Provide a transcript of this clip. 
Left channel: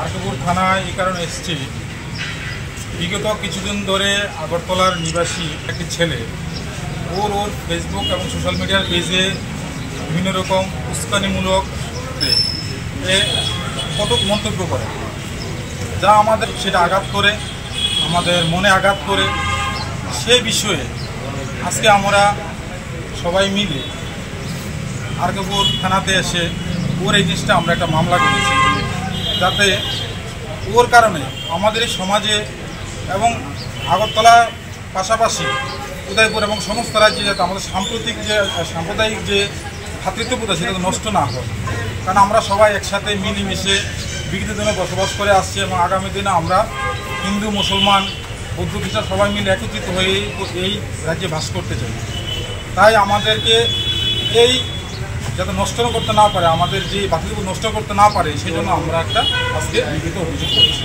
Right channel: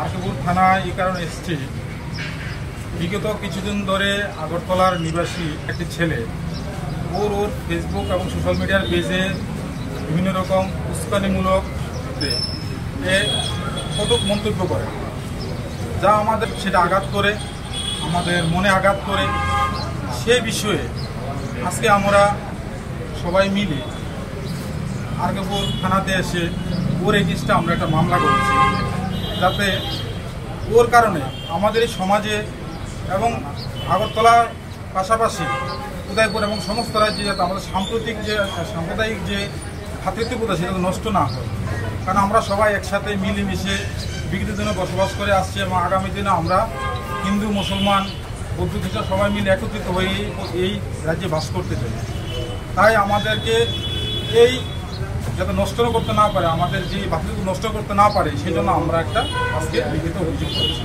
আরকাপুর থানায় এই কারণে এসেছি, বিগত কিছুদিন ধরে আগরতলার নিবাসী একটি ছেলে ওর ফেসবুক এবং সোশ্যাল মিডিয়ার পেজে বিভিন্ন রকম উস্কানিমূলক কটূক মন্তব্য করে, যা আমাদের সেটা আঘাত করে, আমাদের মনে আঘাত করে। সে বিষয়ে আজকে আমরা সবাই মিলে আরকাপুর থানাতে এসে ওর এগেইনস্টে আমরা একটা মামলা করেছি, যাতে ওর কারণে আমাদের এই সমাজে এবং আগরতলার পাশাপাশি উদয়পুর এবং সমস্ত রাজ্যে যাতে আমাদের সাম্প্রদায়িক যে ভ্রাতৃত্ববোধ সেটা নষ্ট না হয়। কারণ আমরা সবাই একসাথে মিলেমিশে বিগত দিনে বসবাস করে আসছি এবং আগামী দিনে আমরা হিন্দু, মুসলমান, বৌদ্ধ, খ্রিস্টান সবাই মিলে একত্রিত হয়ে এই রাজ্যে বাস করতে চাই। তাই আমাদেরকে এই যাতে নষ্ট করতে না পারে, আমাদের যে ভ্রাতৃত্ববোধ নষ্ট করতে না পারে, সেই জন্য আমরা একটা আজকে লিখিত অভিযোগ করেছি।